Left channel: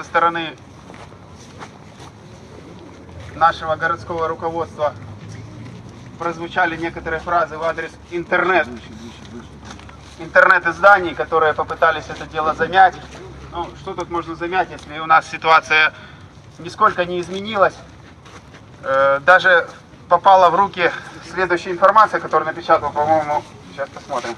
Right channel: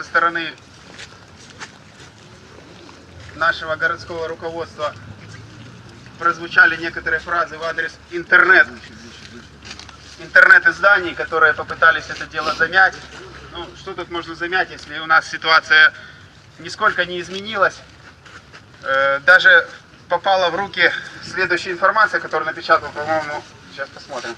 со стороны нашего городского руководства прозвучали некоторые фразы в адрес интернет, интернет-изданий, которые попытались это дело замять. Ну, что тут можно замять, если у нас ситуация нисколько не изменилась. Э, даже попала в руки следующая информация, которую напечатал, по-моему, сейчас посмотрим.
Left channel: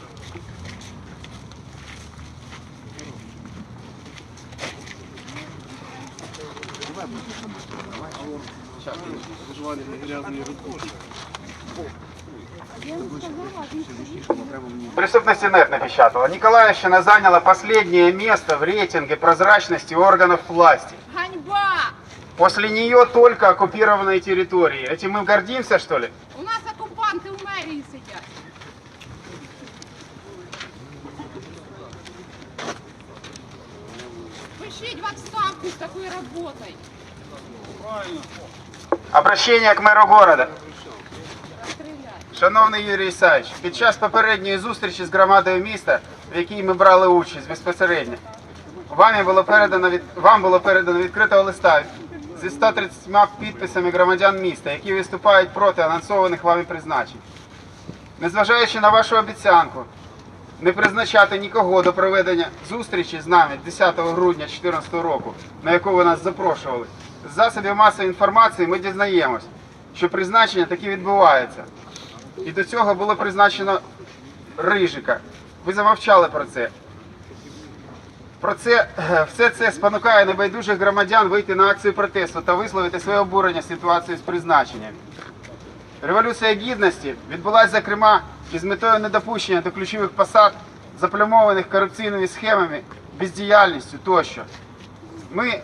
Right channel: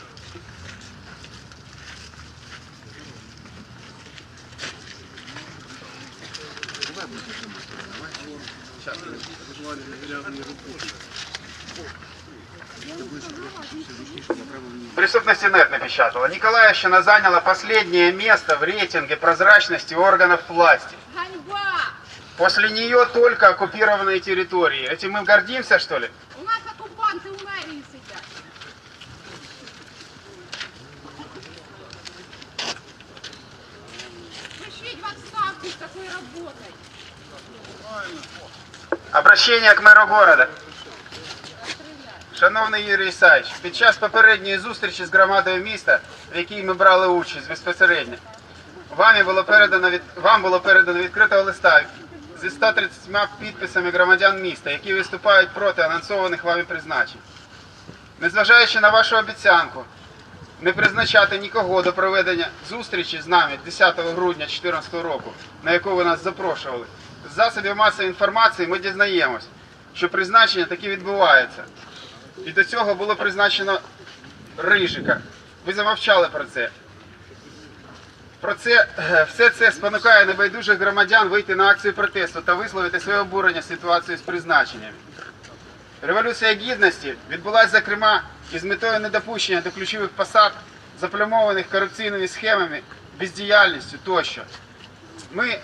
Преступность нет напечатала. Николаевщина заняла последнее место в рейтинге прозрачности органов власти. После нее только оккупированные территории. Этим мы гордимся, что ли? Обращення к меру города. Шановний Юрій Ісаївич, під час попередньої зустрічі з громадою міста, в якій ми брали участь безпосередньо, вам було передано від вам було передано відкритого листа зі 130 підписами громадян міста, які виступають проти анонсованих вами призначень. Незважаючи на вашу обіцянку не призначати нікого до проведення зустрічі з нами 10 грудня 2014 року, на яку ви нас запрошували, з засобів масової інформації ми дізнаємось, що призначення таки відбувається. І до цього було призначено Рижика. Ви замовчали про це. Про це е, все це спонукає небайдужих громадян вийти на акцію протесту та висловити своє обурення ситуацією з призначенням. Революція гідності відбулася, зокрема, із метою недопущення до ключових посад, заплямованих корупційними схемами, бездіяльністю тощо. Ми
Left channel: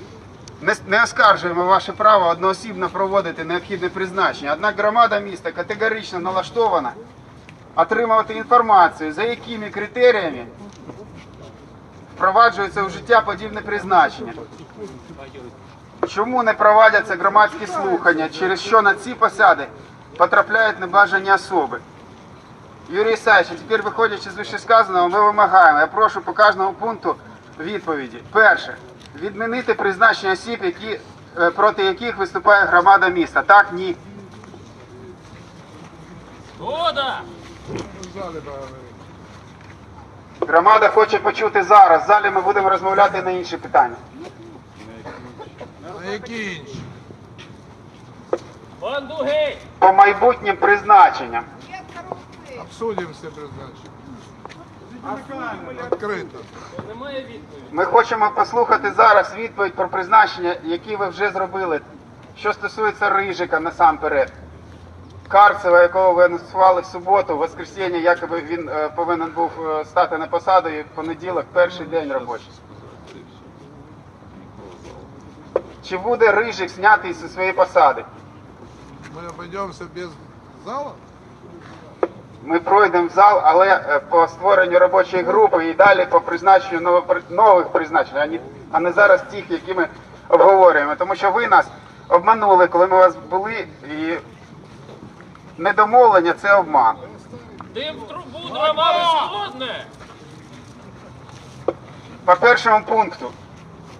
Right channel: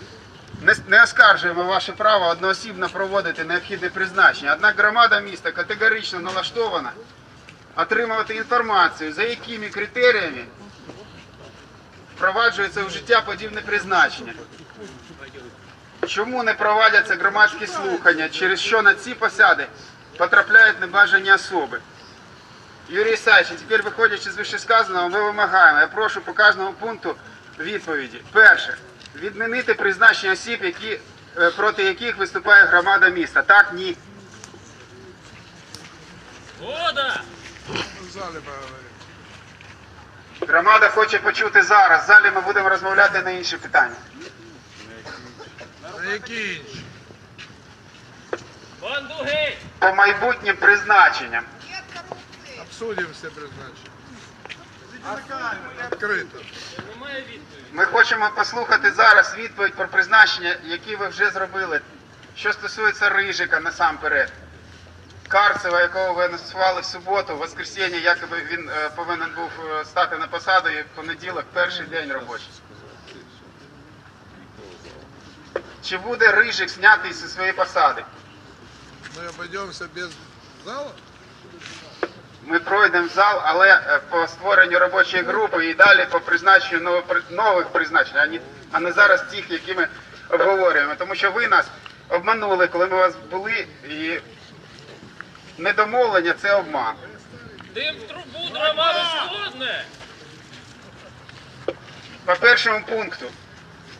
не, оскаржуємо ваше право одноосібно проводити необхідне призначення. Однак громада міста категорично налаштована отримувати інформацію, за якими критеріями впроваджується у життя подібне призначення. Чому не проводяться громадські слухання, через що на ці посади потрапляють небажані особи? Юрій Ісаївич, тепер виходячи з вищесказаного, ми вимагаємо. Я прошу по кожному пункту відповіді. Перше, відмінити призначення осіб, які, е, проти яких виступає громада міста. Так, ні. Згода! Громада хоче почути зараз. В залі ми будемо розмовляти на інші питання. А які інші? По майбутнім призначенням. Обсудимо все призначення. Відкрито. Ми хочемо послухати зараз відповідь про призначення, які ви вже зробили. Що стосується Рижика насамперед. Карцева, якого ви анонсували в суботу, в воскресенье, якоби він е, повинен був е, стати на посаду і в понеділок, перший день робочий. Чи буде Рижик знятий зі своєї посади? Ми обійдемося без зала? Ми пройдемо зал, але е, по створенню робочої групи і далі по призначенню нових призначень, а не, а не зараз тих, які ми обговорюємо. Тому що ви нас обманули, коли ми у вас були, і недомовлення це обман. Дим в трубу, дрова розходне! По першому пункту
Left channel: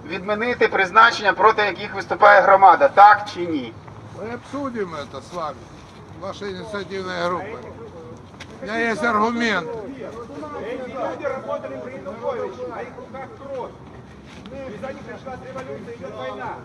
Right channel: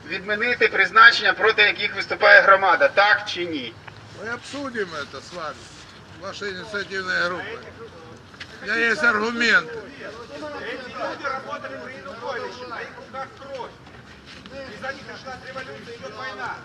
відмінити призначення, проти яких виступає громада, так чи ні? Мы обсудим это с вами, вашей инициативной группой. У меня есть аргументы. Люди работали при Януковиче, на их руках кровь. Из-за них началась революция, идет война.